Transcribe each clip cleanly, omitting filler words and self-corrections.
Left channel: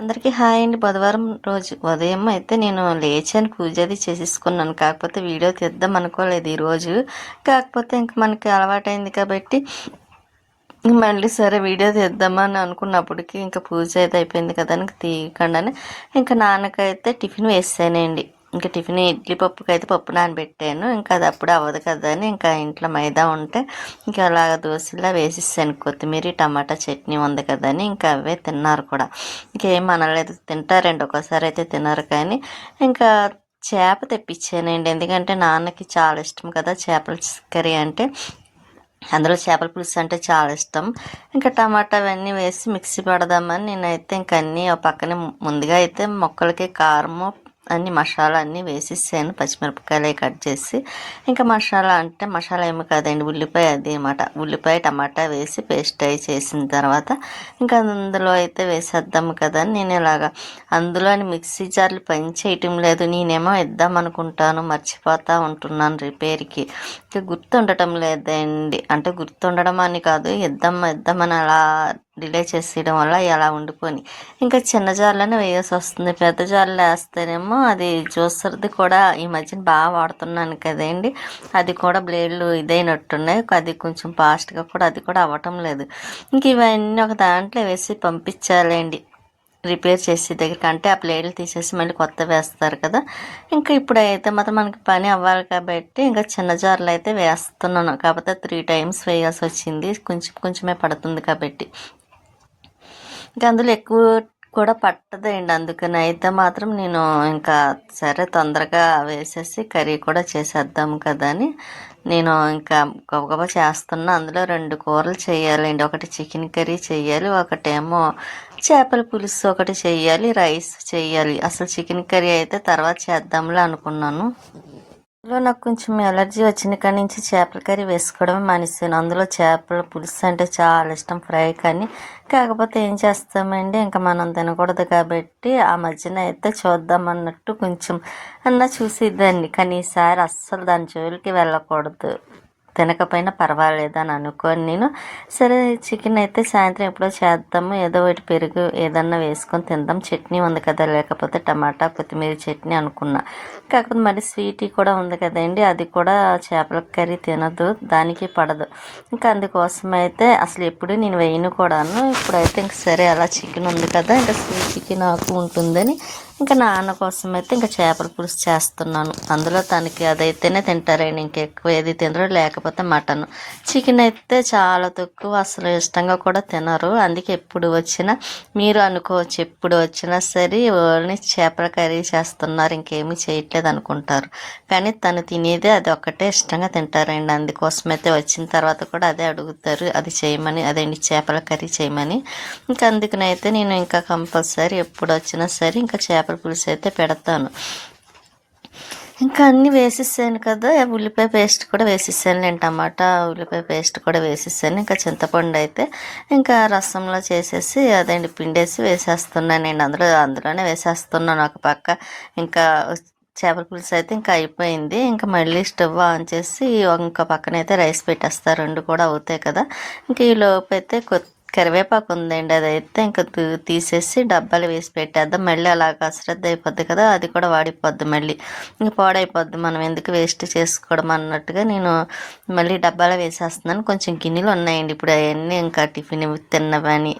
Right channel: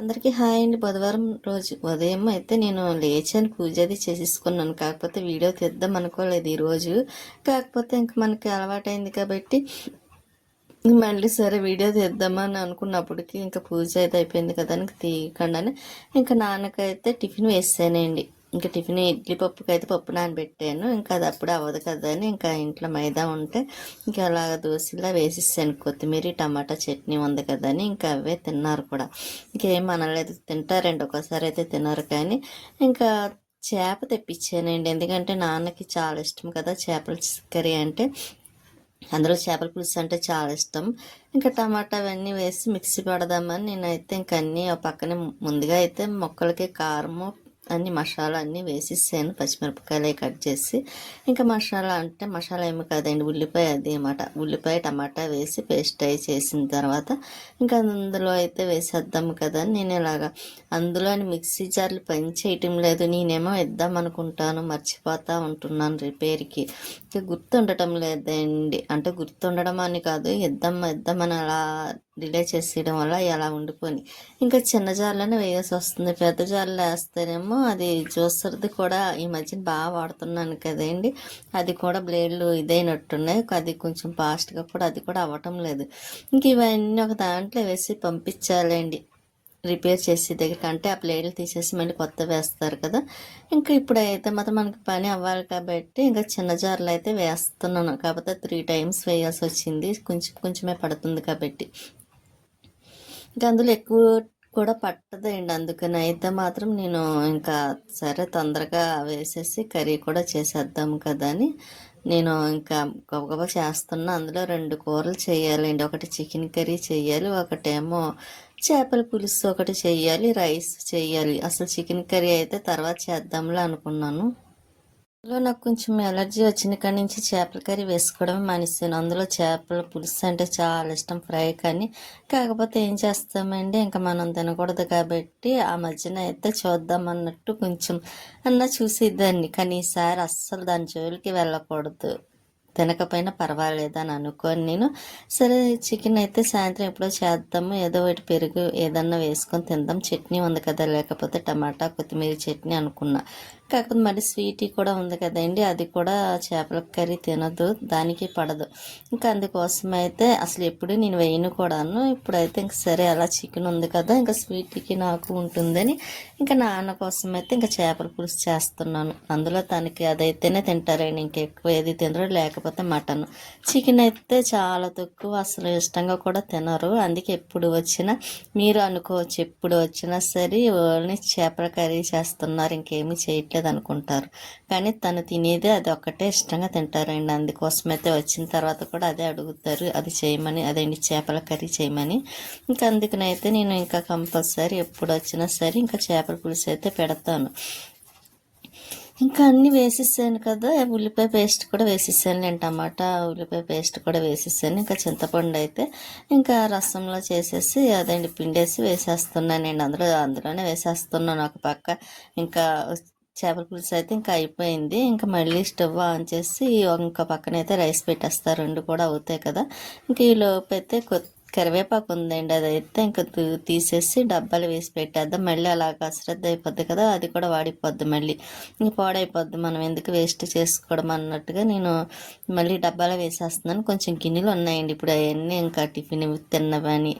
అందరికీ హాయ్ అండి. బుధవారం రోజు ఉదయం అయితే నేను లేచాను, పూజ అది చేసేసుకున్నాను. కాకపోతే వీడియో తీద్దాం అనుకోలేదు ఈరోజు. కాకపోతే ఇంక మనకి అలవాటైంది కాబట్టి మళ్ళీ సరే వీడియో తీద్దామని అనుకున్నప్పటికి ఇంకా పూజ అయితే అయిపోయింది కదా అని తీయకుండానే ఇంకా నాన్నకైతే టిఫిన్ వేసానండి. ఇంకా టిఫిన్ ఇడ్లీ పప్పుకైతే పప్పు నానబెట్టాను. ఇంకా అది అప్పుడు అవ్వదు కదా అని ఇంకా ఇంట్లో మైదా ఉంటే ఇంకా అలాగ దోశలా వేసేసాను. కొత్తిమీర టమాటా చట్నీ ఉంది కదా అని ఇంకా అవే తిన్నారు కూడా. ఇంకేం అనలేదు, తింటారండి, ఒక్కోసారి అయితే తినరు. కానీ ఇంకా చేప తెప్పించానండి, ఎందుకంటే నాన్నకి చాలా ఇష్టం కదా చేపల కర్రీ అంటే. అందులో చేపల పులుసు అంటే చాలా ఇష్టం. ఇంకా టమాటా అవన్నీ వేసి మిక్సీ పడదామని నేనైతే ఇంక అన్నీ పక్కనే ముందుగా అయితే మొక్కలకి కారము అన్ని మసాలా అన్నీ వేసేసాను, పచ్చిమిరపకాయలు కట్ చేసి. ఇంకా మసాలా అంటే మసాలా ఏమి కాదండి, ఉల్లిపాయ అది అన్నమాట. ఉల్లిపాయ టమాటా వేసి పేస్ట్ అయి చేసిన తర్వాత ఇంకా అందులో అయితే వేసేద్దాము కదా అని నేను ఇలాగా అందులోని మిక్సీ జార్లు పని చేయటం లేదు. నేనేమో ఇద్దాం అనుకుంటాను, మర్చిపోతూ ఉంటున్నాను రిపేర్కి. ఇంకా గుర్తుండటం లేదండి, అంటే గుర్తుండడం అని కాదు, ఇద్దామని అలా డిలే చేసేయడం వల్ల ఎలా ఉండిపోయి ఇంకా చిన్న జార్లోనే వేయాల్సి వస్తుంది. పెద్ద జార్లు వేస్తేనేమో అది జ్యూసర్ది కూడా ఈ మధ్యన బాగా వాడుతున్నాను కదండి, అది కూడా బ్లేడ్లు ఇదైనట్టున్నాయి. అది కొంచెం ఫాస్ట్గా కూడా అది కూడా అవ్వటం లేదు. ఇంక ఇవన్నీ ఒక దాంట్లో వేసి పంపించాలండి రిపేర్ చేసే దగ్గరికి. అంటే ఆ ప్లేట్లు తీసేసి మళ్ళీ కొత్త వేస్తారు కదా. ఇంకా ఇప్పుడైతే మాత్రం మనకి పని అవ్వాలి కాబట్టి ఇంకా చిన్న జార్లు అయితే వేస్తున్నాను. కాకపోతే 3 టైమ్స్ వేయాల్సి వచ్చింది, కొంచెం కొంచెమే పడుతుంది కాబట్టి. ఇంకా అందులో ఎక్కువ కూడా పట్టదండి, అందుకని అయితే మాత్రం నేను ఇంకా సరే తొందరగా వేసేసి కర్రీ కూడా చేసేద్దాము కదా అని నేను ఇంకా గబగబా చేస్తున్నా. అందులో 2 కూరలు చేయాలండి, ఒకటి చికెన్ కర్రీ చేయాలి, ఒకటేమో చేపల పులుసు ఒకటి చేయాలి, రైస్ చేయాలి. అసలు చికెన్ కర్రీ అయితే తర్వాత చేద్దాంలే అనుకున్నాను. అందులో నాకు కొంచెం ఎలర్జీ వచ్చిన కాడి నుంచి చేపల కర్రీ వేసుకోవడమే మానేసాను. అందులో చేపల పులుసు అంటే చాలా ఇష్టం, ఫ్రై. కానీ కాకపోతే ఏం చేస్తామండి, ఇంకా మనం తినకూడదు కాబట్టి ఆ మధ్యన అయితే చూద్దాం అన్నట్టు కొంచెం చూసేదాన్ని. కానీ ఈసారి అస్సలు దాని జోలికి వెళ్ళకూడదు, తినకపోయినా పర్వాలేదని అనుకోని నేను సరే చికెన్ అయితే సాయంత్రం ఎప్పుడో చేద్దాము, ఏదో ఒకటి పెరుగు ఏదన్నా వేసుకొని తిందాం, చట్నీ ఉంది కదా, లేకపోతే టమాటా కొత్తిమీర చట్నీ అనుకున్నా. కాకపోతే మరి స్వీటీ కూడా ఉంది కదండి, అది కూడా చేపల కర్రీ తినదు, దానికి పడదు. ఇంకా అందుకోసం అయితే అసలు ఎప్పుడు నేను వేయను కూడాను. ఇప్పుడైతే ఇంక సరే అలా చికెన్ ఉంది కదా, ఇంకా స్వీట్ చికెన్ ఆకు ఉంటుందని ఇంకా నాన్న కోసం అయితే ఇంకా చేపల పులుసు చేస్తున్నాను. అందులో తనకి అదైతేనే తింటారండి, ఇంకెక్కువ ఏది తినరు, లేకపోతే మటన్. చికెన్ అయితే చాలా తక్కువ, అసలు ఇష్టంగా కూడా తినరు. అందుకే ఎప్పుడు వచ్చినా మీరు అనుకోవచ్చు, ఎప్పుడు వచ్చినా సరే ఓన్లీ చేపల కర్రీ చేస్తున్నారు, ఇంకేమీ చేయట్లేదు అనుకుంటారు. కానీ తను తినేదే అది ఒక్కటే ఇష్టంగా తింటారండి. అందుకోసమైతే వచ్చిన తర్వాత కూడా అదే అడుగుతారు, అది చేయమని, అదేంటి చేపల కర్రీ చేయమని. ఇంకా అందుకనైతే నేను ఇంకా కంపల్సరీ ఎప్పుడు వచ్చినా సరే ఇంకా చేపల పులుసు అయితే పెడతాను. ఇంకా అన్నీ వేసేసాను కదా, ఉల్లిపాయ పేస్ట్ కూడా వేసేసాను, నేను టమాటా ఉల్లిపాయ పేస్ట్ కూడా వేసేసాను. ఇంకా చింతపండు అయితే ఇంకా రసంలో చేసేసి అదేంటి పిండేసి వేసేస్తున్నాను నేను, అందులోనే వేసేస్తున్నాను ఒక పక్క. ఇంకా చేపల పులుసు అయితే ఇంకా అయిపోయింది. ఇంకా మళ్ళీ స్టవ్ ఆన్ చేసి ఇంకా పక్కనైతే రైస్ పెట్టేస్తారు, 2 కూడా అవుతాయి కదా. ఇంకా ఈ లోపు అయితే కరివేపాకు ఉందండి, అదైతే ఇంకా తీసేసి డబ్బాలు వేసి పెట్టేద్దాం. మళ్ళీ అలాగ అశ్రద్ధ అయిపోద్ది కదా, అది కూడా వాడిపోద్ది, మళ్ళీ ఇంకా పాడైపోద్ది, మనం ఎందుకు వేస్ట్ చేసుకోవడం అన్నట్టుగా నేను మళ్ళీ డబ్బాలో వేసేస్తున్నాను. కొంచెం గిన్నెలు ఉన్నాయండి ఇప్పుడు, అవన్నీ ఇంకా టిఫిన్ తిన్నవని.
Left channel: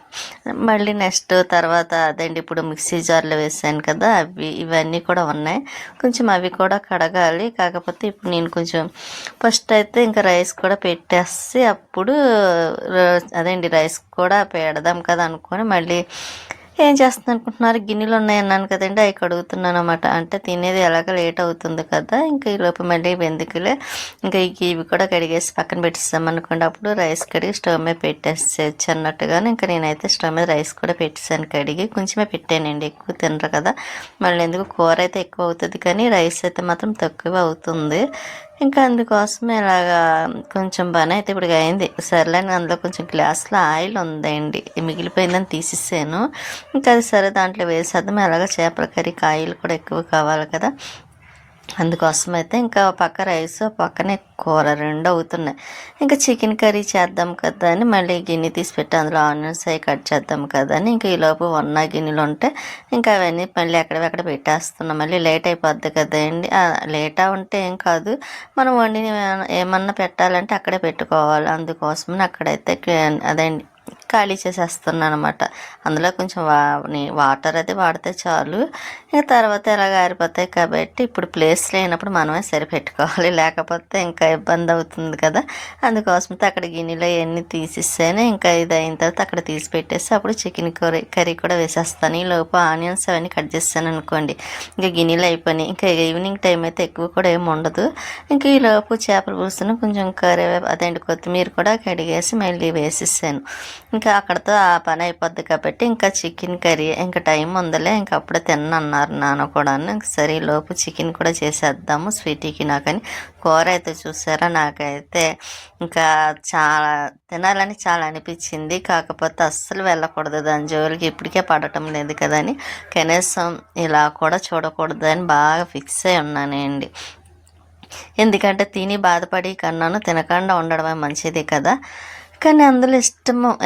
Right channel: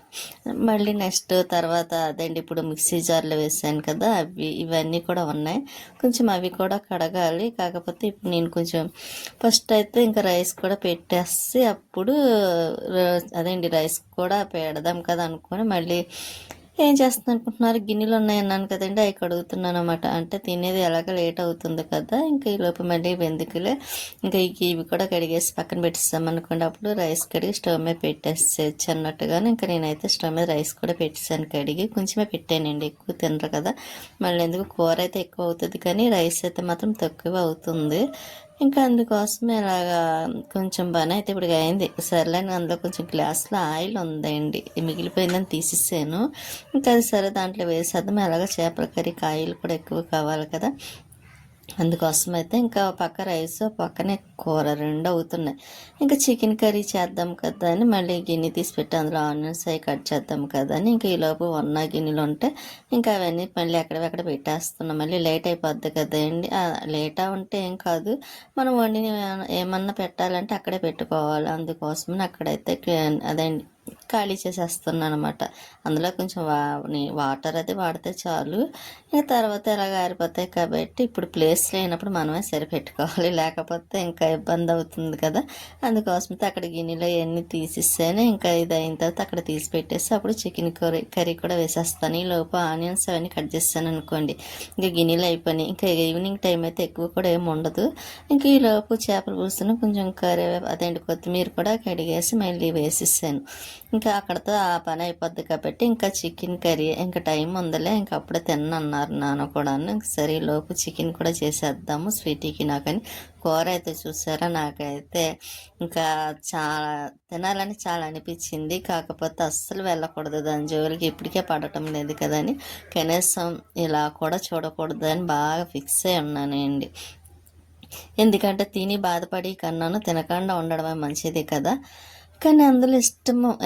మళ్ళీ నెక్స్ట్ తర్వాత అదండి ఇప్పుడు మిక్సీ జార్లో వేసాను కదా, ఇవన్నీ కూడా ఉన్నాయి, కొంచెం అవి కూడా కడగాలి. కాకపోతే ఇప్పుడు నేను కొంచెం ఫస్ట్ అయితే ఇంకా రైస్ కూడా పెట్టేసి అప్పుడు అదేంటి రైస్ కూడా పెడదాం కదా అనుకొని మళ్ళీ ఏం చేస్తున్నాను అనుకుంటున్నారు, గిన్నెలు ఉన్నాయన్నాను కదండి, అవి కడుగుతున్నాను అనమాట. అంటే తినేది ఎలాగ లేట్ అవుతుంది కదా, ఇంకా ఈ లోపు మళ్ళీ వెందుకులే ఇంకా ఇవి కూడా కడిగేసి పక్కన పెట్టేస్తాం అనుకోండి, అప్పుడు రైస్ కడిగి స్టవ్ మీద పెట్టేసేయచ్చు అన్నట్టుగానే ఇంకా నేనైతే స్టవ్ మీద రైస్ కూడా పెట్టేసాను, కడిగి కొంచెమే పెట్టానండి, ఎక్కువ తినరు కదా. మళ్ళీ ఎందుకు, కూర అయితే ఎక్కువ అవుతుంది కానీ రైస్ అయితే మాత్రం తక్కువ అవుతుంది. ఇంకా అందుకోసం ఇలాగా కొంచెం పని అయితే ఇప్పుడు అయింది. సర్లేని అందులో కొంచెం గ్లాసులో ఆయిల్ ఉందండి, మిగిలిపోయిందని తీసేసాను. ఇంకా అది సరే దాంట్లో వేసేద్దాం, అలాగా చేపల కర్రీకి ఆయిల్ కూడా ఎక్కువ కావాలి కదా. అందుకోసం అయితే ఇంకా పక్క రైస్ పక్కనే కూర రెండు అవుతున్నాయి. ఇంకా చికెన్ కర్రీ చేద్దాం కదా అని మళ్ళీ గిన్నె తీసి పెట్టి అందులో ఆనియన్స్ అవి కట్ చేద్దాం కదా అని ఇంకా ఈలోపు ఉన్న గిన్నెలు ఉంటే ఇంకా అవన్నీ మళ్ళీ ఎక్కడెక్కడ పెట్టేస్తున్నాం. మళ్ళీ లేట్ అయిపోద్ది కదండి. లేటా ఉంటే ఏం కాదు, మనం వండిని ఏమన్నా పెట్టాలంటే అక్కడే పెట్టుకోవాలి. అందుకోసమని అక్కడైతే అదండి ఖాళీ చేసేస్తున్నాను అనమాట. అందులో కొంచెం వాటర్ అది వాడితే చాలు, ఇంకా తర్వాత ఎలాగ ఆరిపోతాయి కాబట్టి ఇప్పుడు ప్లేస్ లేనప్పుడు మనమే సరిపెట్టుకోవాలి, లేకపోతే ఇంకా ఇబ్బంది అవుతుంది కదా. అందుకోసమైతే అక్కడ గిన్నెలో ఇవన్నీ తీసేసాను. ఇంకా ఇది అయిన తర్వాత అక్కడ తీసి పెట్టేసి అప్పుడు చికెన్ కర్రీ కూడా వేసేస్తాను. ఈ లోపు ఆనియన్స్ అవన్నీ కట్ చేస్తాను అనుకోండి, ఇంకా గిన్నెలు అయిపోయినాయి. ఇంకా ఈవినింగ్ టైం అయితే ఎక్కువ కూడా ఏమి ఉండదు. ఇంకా ఈ లోపు చేపల పులుసును కొంచెం కరివేపాకు అదేంటి కొత్తిమీర కూడా కడిగేసి మళ్ళీ వేసేసాను. ఇంకా అక్కడతో ఆ పని అయిపోద్ది కాబట్టి ఇంకా చికెన్ కర్రీ ఇంకా టైం ఉందిలే, ఇంకా అప్పుడే తిన్నన్నారు నాన్న కూడా. ఇంక సరే లోపు చికెన్ కూడా చేసేద్దాము స్వీటీకి నాకని. కూర అయితే చూసారా, నాకైతే ఇంకా చాలా తినాలని చాలా అనిపించింది. కాకపోతే అస్సలు వెళ్ళకూడదు దాని జోలికి, ఇప్పటికే పడటం లేదు కదని కనీసం ఇలా కూడా చూడకూడదు అని బాగా ఫిక్స్ అయి ఉన్నానండి. ఎందుకంటే తిని బాధపడి కన్నాను తినకుండా ఉండడమే మంచిది కదా. కానీ అందులో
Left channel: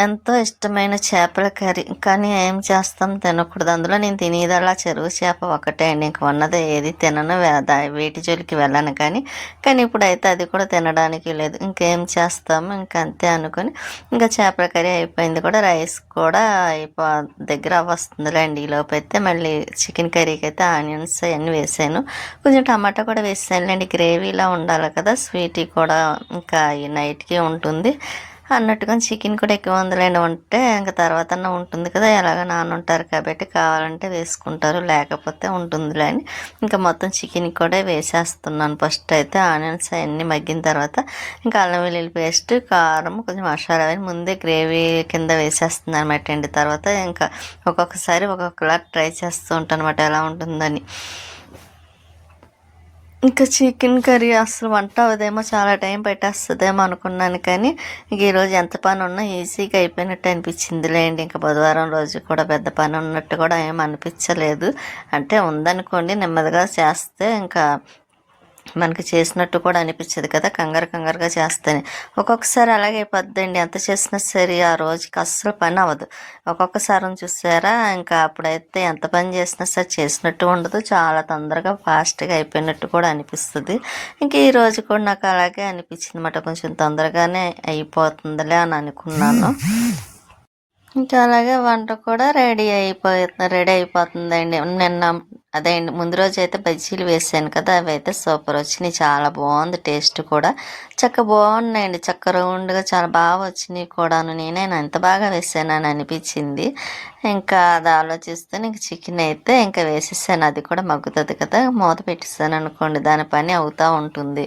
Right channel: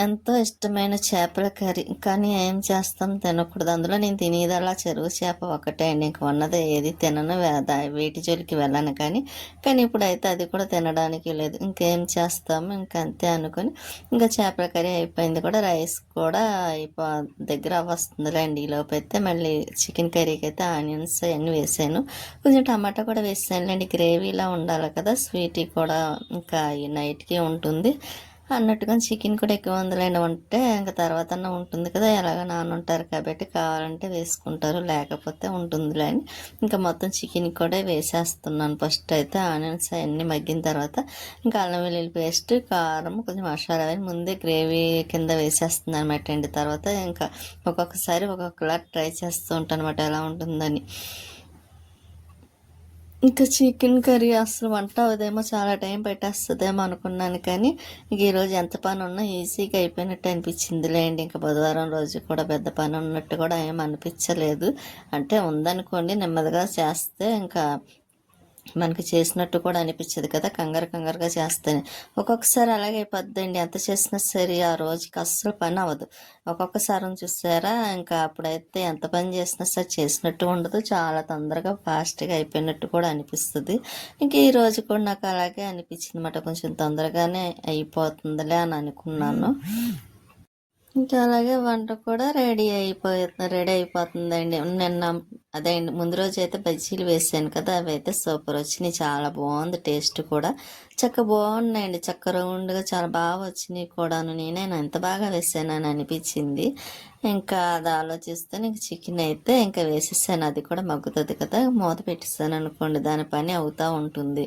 ఎంతో ఇష్టమైన చేపల కర్రీ, కానీ ఏం చేస్తాం తినకూడదు. అందులో నేను తినేదల్లా చెరువు చేప ఒకటే అండి, ఇంక ఉన్నది ఏది తినను, వేటి జోలికి వెళ్ళను. కానీ ఇప్పుడైతే అది కూడా తినడానికి లేదు, ఇంకేం చేస్తాము, ఇంకా అంతే అనుకొని ఇంకా చేపల కర్రీ అయిపోయింది కూడా. రైస్ కూడా దగ్గర వస్తుందిలేండి. ఈ లోపు అయితే మళ్ళీ చికెన్ కర్రీకి అయితే ఆనియన్స్ అవన్నీ వేసాను, కొంచెం టమాటా కూడా వేసానులేండి, గ్రేవీలా ఉండాలి కదా. స్వీటీ కూడా ఇంకా ఈ నైట్కి ఉంటుంది అన్నట్టుగా చికెన్ కూడా ఎక్కువ ఉందిలేండి, ఉంటే ఇంకా తర్వాత ఉంటుంది కదా. ఎలాగ నాన్న ఉంటారు కాబట్టి కావాలంటే వేసుకుంటారు, లేకపోతే ఉంటుందిలే అని ఇంకా మొత్తం చికెన్ కూడా వేసేస్తున్నాను. ఫస్ట్ అయితే ఆనియన్స్ అవన్నీ మగ్గిన తర్వాత ఇంకా అల్లం వెల్లుల్లి పేస్ట్, కారం, కొంచెం మసాలా అని ముందే గ్రేవీ కింద వేసేస్తుంది అనమాట అండి. తర్వాత ఇంకా ఒక్కొక్కసారి ఒక్కొక్కలా ట్రై చేస్తూ ఉంటాను అనమాట ఎలా ఉంటుందని. ఇంకా చికెన్ కర్రీ అసలు వంట అవ్వదేమో, చాలా టైం పెట్టేస్తుందేమో అనుకున్నాను. కానీ ఇంక ఈరోజు ఎంత పని ఉన్నా ఈజీగా అయిపోయినట్టు అనిపించిందిలేండి. ఇంకా బుధవారం రోజు కూడా పెద్ద పని ఉన్నట్టు కూడా ఏం అనిపించలేదు. అంటే ఉందనుకోండి, నెమ్మదిగా చేస్తే ఇంకా మనకి చేసినట్టు కూడా అనిపించదు కదా, కంగారుగా చేస్తేనే. ఒక్కొక్కసారి అలాగే అయిపోద్దండి, ఎంత చేసినా సరే ఆ రోజుకి అస్సలు పని అవ్వదు. ఒక్కొక్కసారి చూసారా, ఇంకా అప్పుడైతే ఎంత పని చేసినా సరే చేసినట్టు ఉండదు, చాలా తొందరగా ఫాస్ట్గా అయిపోయినట్టు కూడా అనిపిస్తుంది. ఇంకా ఈ రోజు కూడా నాకు అలాగే అనిపించింది అన్నమాట, కొంచెం తొందరగానే అయిపోతుందిలే అని అనుకున్నాను. ఇంకా అలాగే వంట కూడా రెడీ అయిపోతుందండి. అదే అండి, ముందు రోజు అయితే బజ్జీలు వేసాను కదా, అవి అయితే సూపర్ వచ్చినాయి, చాలా బాగుంది టేస్ట్ కూడా. బాగున్నాయండి, రౌండ్గా చాలా బాగా వచ్చినాయి కూడాను. నేనే ఎంత బాగా వేసానని అనిపించింది. ఇంకా అది ఆలోచిస్తే ఇంక చికెన్ అయితే ఇంకా వేసేసాను, అది కూడా మగ్గుతుంది కదా, మూత పెట్టేసాను అనుకోండి, దాని పని అవుతూ ఉంటుంది.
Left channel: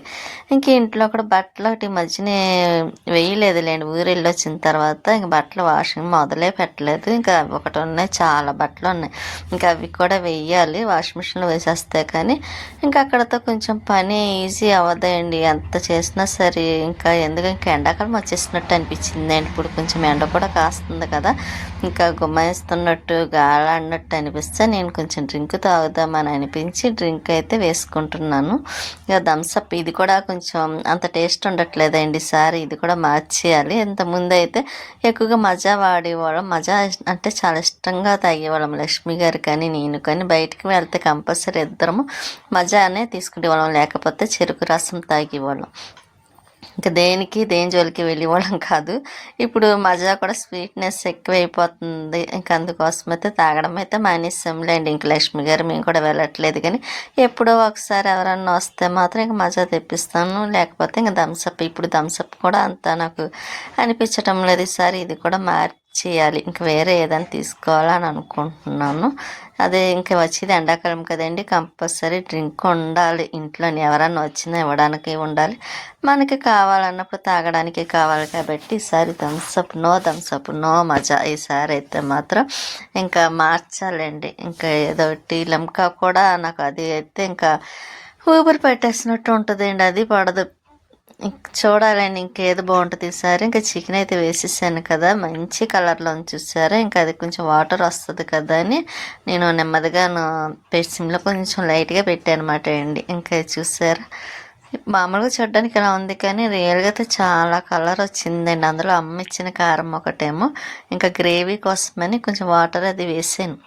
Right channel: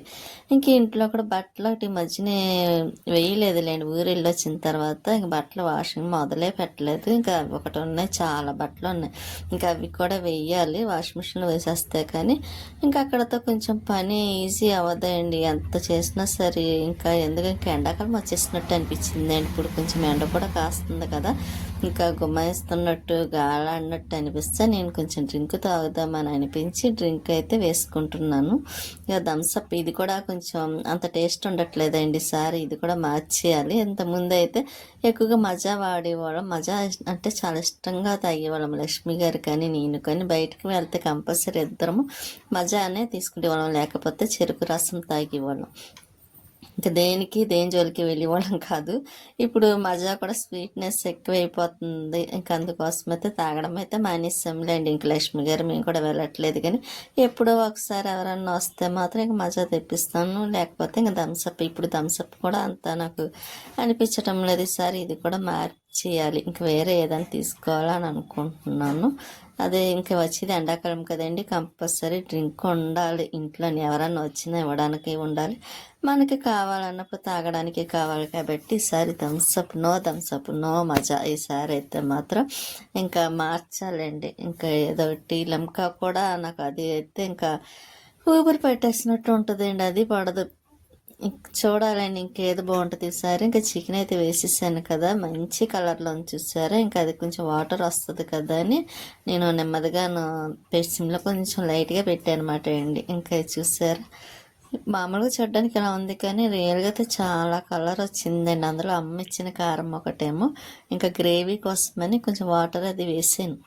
ఇంక ఇంట్లో కూడా బట్టలు ఒకటి మధ్యనే వేయలేదులేండి, ఊరెళ్ళి వచ్చిన తర్వాత ఇంక బట్టలు వాషింగ్ మొదలే పెట్టలేదు. ఇంకా ఒకటి ఉన్నాయి, చాలా బట్టలు ఉన్నాయి, ఇంకా అవి కూడా వేయాలి, వాషింగ్ మిషన్లో వేసేస్తే. కానీ ఇంకా అక్కడతో కొంచెం పని ఈజీ అవ్వదండి, ఎంత చేసినా సరే. ఇంకా ఇంకా ఎండాకాలం వచ్చేసినట్టు అనిపించింది అండి. ఇప్పుడు కొంచెం ఎండ కూడా కాస్తుంది కదా, ఇంకా గుమ్మాయిస్తున్నట్టు గాలాడినట్టు అనిపిస్తే నేను కొంచెం డ్రింక్ తాగుదామని అనిపించి డ్రింక్ అయితే వేసుకుంటున్నాను. ఇక థమ్స్అప్ ఇది కూడా కొంచెం అంత టేస్ట్ ఉండట్లేదండి, ఈసారి ఇది కూడా మార్చేయాలి. ఇంతకుముందు అయితే ఎక్కువగా మజా వాడేవాళ్ళం, మజా అంటే చాలా ఇష్టంగా తాగేవాళ్ళం, లక్ష్మి గారు కానీ నేను కానీ. బయటికి వెళ్తే కంపల్సరీ ఇద్దరము మజానే తీసుకునేవాళ్ళం, లేకపోతే చెరుకు రసం తాగేవాళ్ళం. ఇంకా దేని జోలికి వెళ్ళేవాళ్ళం కాదు. ఇప్పుడు మజా కూడా స్వీట్నెస్ ఎక్కువైపోతుంది, ఇంకా అందుకోసం అయితే తాగడం అయితే మానేసాంలేండి. ఇంక లక్ష్మి గారు మేము కూడా వెళ్ళట్లేదు, కానీ ఎప్పుడో ఒకసారి ఎవరన్నా వస్తే మాత్రం ఇంక మజా తెప్పిస్తాను, లేకపోతే ఇంకా థమ్స్అప్. ఇప్పుడు థమ్స్అప్ కూడా అంత నాకు అనిపించటం లేదు, ఈసారి ఇది కూడా చేయాలి, ఇంక వేరే ఏదైనా తీసుకోవాలని అనుకుంటున్నాను. అదే ఇంకా వచ్చేది ఎండాకాలం కదండి, కంపల్సరీ డ్రింక్ ఉండాలి ఇంట్లోని, ఎవరన్నా వచ్చినా ఇవ్వడానికి ఉండాలి, మనకి కావాలన్నప్పుడు తాగడానికి కావాలి. కాబట్టి ఈసారి థమ్స్అప్ నో మజా. ఈసారి అయితే మాత్రం ఇంకా మార్చాలండి, ఇంకా ఏదో టీ లిమ్కా కూడా నాకు అది అయితే ఇంకా ఊపిరి పెట్టేసినట్టు ఉంటుందండి, అది పడదు. చూడాలండి ఇంకేది బాగుంటుంది ఈసారి. ఇంకా చికెన్ అయితే వేసేసాను కదా, మంచి కలర్లో చూసారా. ఇంకా అది కొంచెం వాటర్ వస్తుంది కదా అని నేను నెమ్మదిగా సిమ్లో కొంచెం లైట్గా పెట్టాను అనమాట అండి. ఇంకా చూసారా, మామూలుగా చూడడానికి ఇలా ఉంది కానీ రియల్గా అయితే చాలా కలర్ వచ్చిందండి. అందులో అమ్మ ఇచ్చిన కారం ఒకటేమో, ఇంకా గ్రేవీ కోసమని కొంచెం వాటర్ అది వేసాను.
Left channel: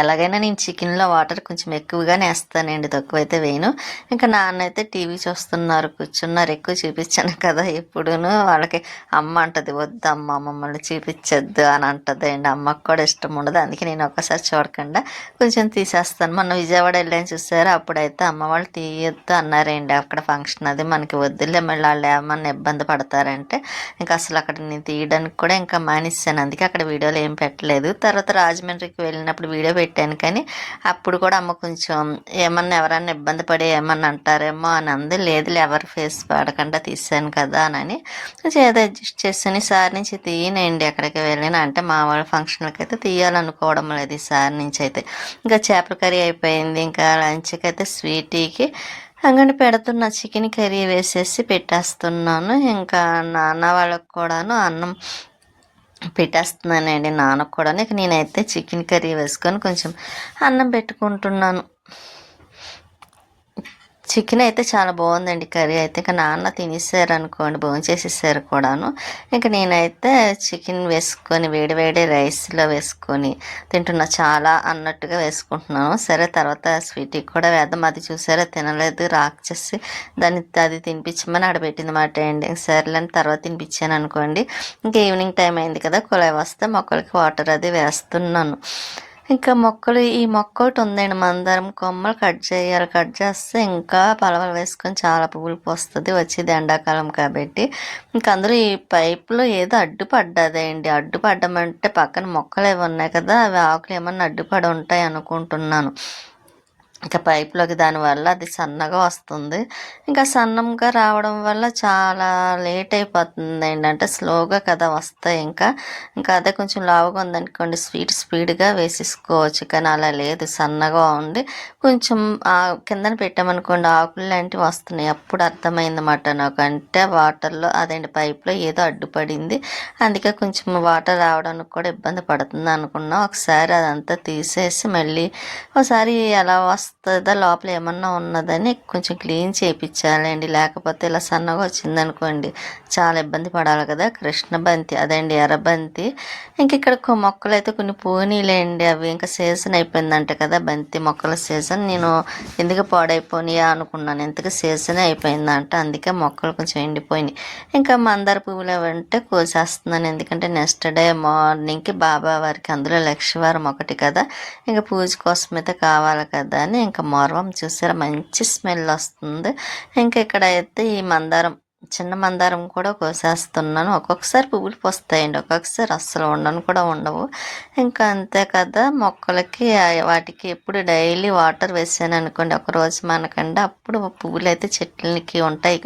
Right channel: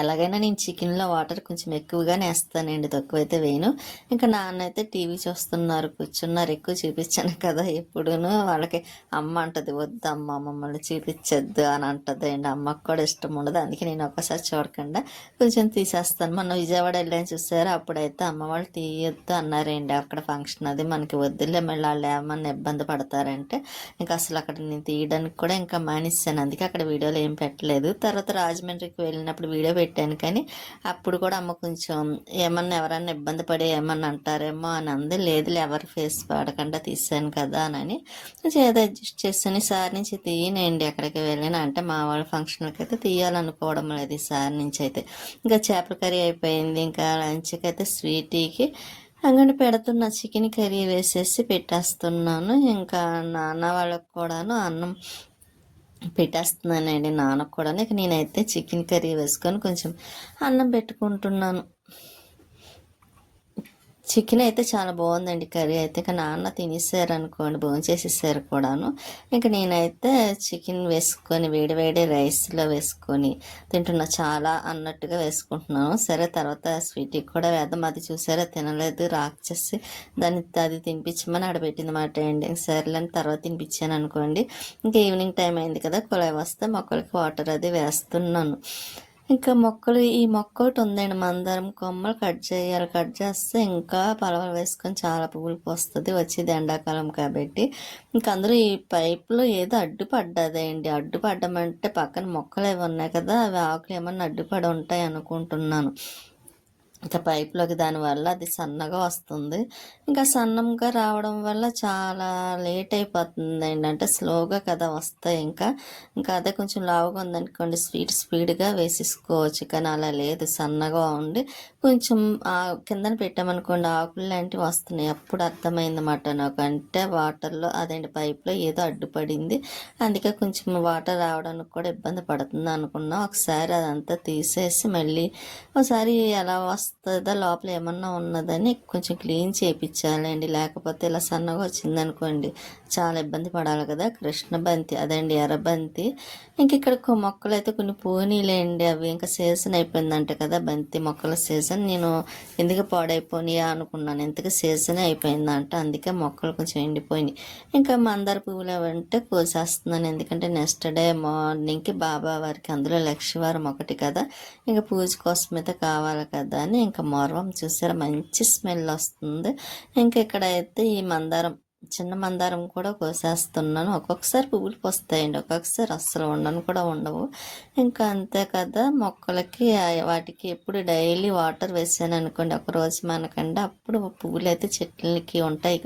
ఎలాగైనా నేను చికెన్లో వాటర్ కొంచెం ఎక్కువగానే వేస్తానండి, తక్కువైతే వేయను. ఇంకా నాన్న అయితే టీవీ చూస్తున్నారు, కూర్చున్నారు. ఎక్కువ చూపించాను కదా ఎప్పుడూను, వాళ్ళకి అమ్మ అంటది వద్దు అమ్మ మమ్మల్ని చూపించద్దు అని అంటది అండి. అమ్మకు కూడా ఇష్టం ఉండదు, అందుకే నేను ఒక్కసారి చూడకుండా కొంచెం తీసేస్తాను. మొన్న విజయవాడ వెళ్ళాను చూసారా, అప్పుడైతే అమ్మ వాళ్ళు తీయొద్దు అన్నారండి. అక్కడ ఫంక్షన్ అది మనకి వద్దులే, మళ్ళీ వాళ్ళు ఏమన్నా ఇబ్బంది పడతారంటే ఇంకా అసలు అక్కడ నేను తీయడానికి కూడా ఇంకా మానేసాను. అందుకే అక్కడ వీడియోలు ఏం పెట్టలేదు. తర్వాత రాజమండ్రికి వెళ్ళినప్పుడు వీడియో పెట్టాను, కానీ అప్పుడు కూడా అమ్మ కొంచెం ఏమన్నా ఎవరన్నా ఇబ్బంది పడి ఏమన్నా అంటారేమో అని అంది. లేదులే, ఎవరు ఫేస్ పడకుండా తీసాను కదా అని కొంచెం ఏదో అడ్జస్ట్ చేసాను. ఈసారి నుంచి తీయనండి ఎక్కడికి వెళ్ళినా, అంటే మా వాళ్ళ ఫంక్షన్లకి అయితే తీయాలనుకోవడం లేదు ఈసారి నుంచి అయితే. ఇంకా చేపల కర్రీ అయిపోయింది. ఇంకా లంచ్కి అయితే స్వీటీకి అంగడి పెడుతున్న చికెన్ కర్రీ వేసేసి పెట్టేస్తున్నాను. ఇంకా నాన్న వాళ్ళకు కూడాను అన్నం పెట్టేస్తున్నానండి, నాన్నకు కూడా. ఇక నేనైతే చికెన్ కర్రీ వేసుకొని కొంచెం అన్నం పెట్టుకుంటున్నాను. చికెన్ అయితే చాలా బాగుందండి కర్రీ అయితే. ఇంకా నాన్న తినేసారు అనుకోండి, భోంచేసేసారు కూడాను. ఇంకా నేనైతే చికెన్ వేసుకొని వేడి రైస్లో వేసుకొని తింటున్నా, చాలా అన్నట్టుగా వేసుకుంటున్నాను. సరే తర్వాత స్వీట్కి కూడా వేద్దాం, అది చూసారా తినలేదు రాక్షసి, అది తినిపించమని ఆడబెట్టింది మాట అండి. సరేలేని తర్వాత తినిపించాను అనుకోండి. ఇంకా ఈవినింగ్ టైం అయింది కదా, కుళాయి వస్తే మొక్కలకి వాటర్ అది వేస్తున్నాను. ఇంకా ఈ మొక్క ఒకటి ఉందండి, మందారం కొమ్మలు కట్ చేయాలి. కట్ చేస్తే ఇంకా పలవలు వేసుకొని చాలా పువ్వులు పోస్తుంది, వచ్చేది ఎండాకాలం కాబట్టి. ఇంకా అందులో ఈ పైపులో ఏదో అడ్డుపడ్డదండి. అడ్డుపడ్డమంటే పక్కన మొక్కలు ఏమి ఉన్నాయి కదా, అవి ఆకులు ఏమన్నా అడ్డుపడి ఉంటాయి అనుకుంటున్నాను. ఇంకా పైప్లోకి దానివల్ల అది సన్నగా వస్తుంది. ఇంకా సన్నంగా రావడం వల్ల చాలా లేట్ అయిపోతుంది ఏంటంటే స్లోగా కదా వస్తాయి. ఇంకా అదే కొంచెం లావుగా ఉందనుకోండి స్పీడ్గా వేసేసుకోవచ్చు, కానీ అలా లేదు, సన్నగా ఉండి కొంచెం కిందన పెట్టామనుకోండి ఆకులు లాంటివి వస్తున్నాయి. అప్పుడు అర్థమైందన్నమాట నాకు, అంటే వాటర్లో అదేంటి పైప్లో ఏదో అడ్డుపడింది, అందుకే కొంచెం వాటర్ రావడానికి కూడా ఇబ్బంది పడుతుంది అనుకున్నా. ఒకసారి అదంతా తీసేసి మళ్ళీ ఒకసారి ఎలా వస్తుందా లోపల ఏమన్నా ఉన్నదని కొంచెం క్లీన్ చేయించాలండి. లేకపోతే ఇలా సన్నగా వచ్చిందనుకోండి చాలా ఇబ్బంది పడాలి కదా. కృష్ణ బంతి అదండి, ఎర్రబంతి. ఇంక ఇక్కడ మొక్కలు అయితే కొన్ని పోనీలేండి, అవి ఇంకా సీజన్ అయిపోయిందంట కదా బంతి మొక్కల సీజన్. నేను ఎందుకు పాడైపోయినాయా అనుకున్నాను, ఎందుకు సీజన్ అయిపోయిందంట, అందుకే మొక్కలు కొంచెం ఎండిపోయినాయి. ఇంకా మందార పువ్వులు అవంటే కోసేస్తున్నాను, ఎందుకంటే నెక్స్ట్ డే మార్నింగ్కి బాబా వారికి అందులో లక్షవారం ఒకటి కదా, ఇంకా పూజ కోసం అయితే కావాలి కదా అని. ఇంకా మొరవం చూసారా మంచి స్మెల్ వస్తుంది. ఇంకా ఇక్కడైతే ఈ చిన్న మందారం కూడా కోసేస్తున్నాను. ఒక్కొక్కసారి పువ్వులు పోస్తాయండి, ఒక్కొక్కసారి అస్సలు కూడా ఉండవు. ఇంకా అంతే కదా, మొక్కలకి వాటికి ఎప్పుడు డైలీ వాటర్ వేసాను అనుకోండి ఒకరోజు మనకంటే, అప్పుడు పువ్వులు అయితే చెట్లకి ఉంటాయి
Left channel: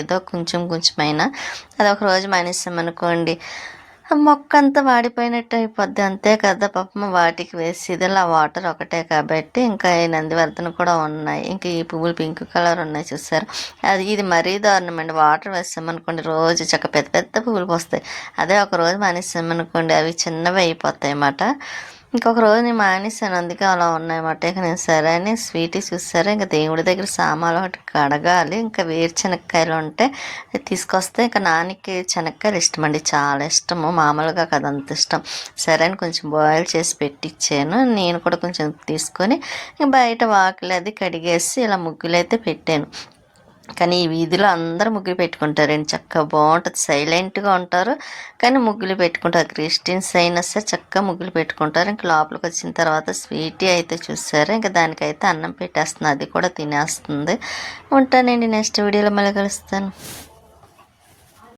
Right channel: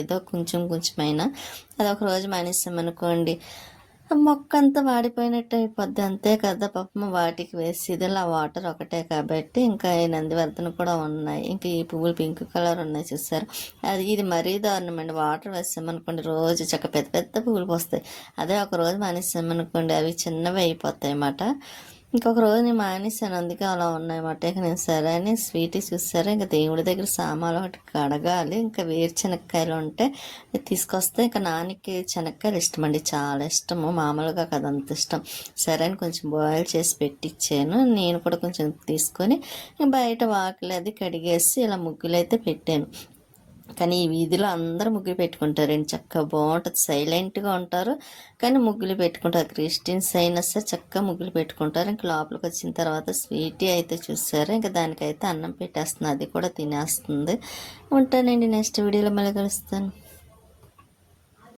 ఏదో కొంచెమైనా. అది ఒక రోజు మానేసామనుకోండి మొక్క అంతా వాడిపోయినట్టు అయిపోద్ది, అంతే కదా. పాపం వాటికి వేసి ఇదిలా వాటర్ ఒకటే కాబట్టి. ఇంకా ఈ నందివర్ధన కూడా ఉన్నాయి, ఇంకా ఈ పువ్వులు పింక్ కలర్ ఉన్నాయి చూసారు, ఇది మరీ దారుణం అండి. వాటర్ వేసామనుకోండి రోజు పెద్ద పెద్ద పువ్వులు పోస్తాయి. అదే ఒక రోజు మానేసామనుకోండి అవి చిన్నవి అయిపోతాయి అన్నమాట. ఇంకొక రోజు నేను మానేసాను, అందుకే అలా ఉన్నాయన్నమాట. ఇక నేను సరే అని స్వీటీ చూసారా, ఇంకా దేవుడి దగ్గర సామాన్లు ఒకటి కడగాలి. ఇంకా వేరుశనక్కాయలు ఉంటే తీసుకొస్తే, ఇంకా నాన్నకి శనక్కాయలు ఇష్టం అండి, చాలా ఇష్టము, మామూలుగా కదా అంత ఇష్టం. సరే అని కొంచెం బాయిల్ చేసి పెట్టించాను. నేను కూడా కొంచెం తీసుకొని బయట వాకిలి అది కడిగేసి ఇలా ముగ్గులు అయితే పెట్టాను. కానీ ఈ వీధిలో అందరూ ముగ్గులు పెట్టుకుంటారండి, చక్కగా బాగుంటుంది, సైలెంట్గా ఉంటారు కానీ ముగ్గులు పెట్టుకుంటారు. క్రిస్టియన్స్ అయినా సరే చక్కగా ముగ్గులు పెట్టుకుంటారు. ఇంకా లోపలికి వచ్చిన తర్వాత స్వీటీ అయితే చూసారు, ఇంకా దానికైతే అన్నం పెట్టేస్తుంది, అది కూడా తినేస్తుంది. ఉంటానండి, నెక్స్ట్ వీడియోలో మళ్ళీ కలుస్తాను.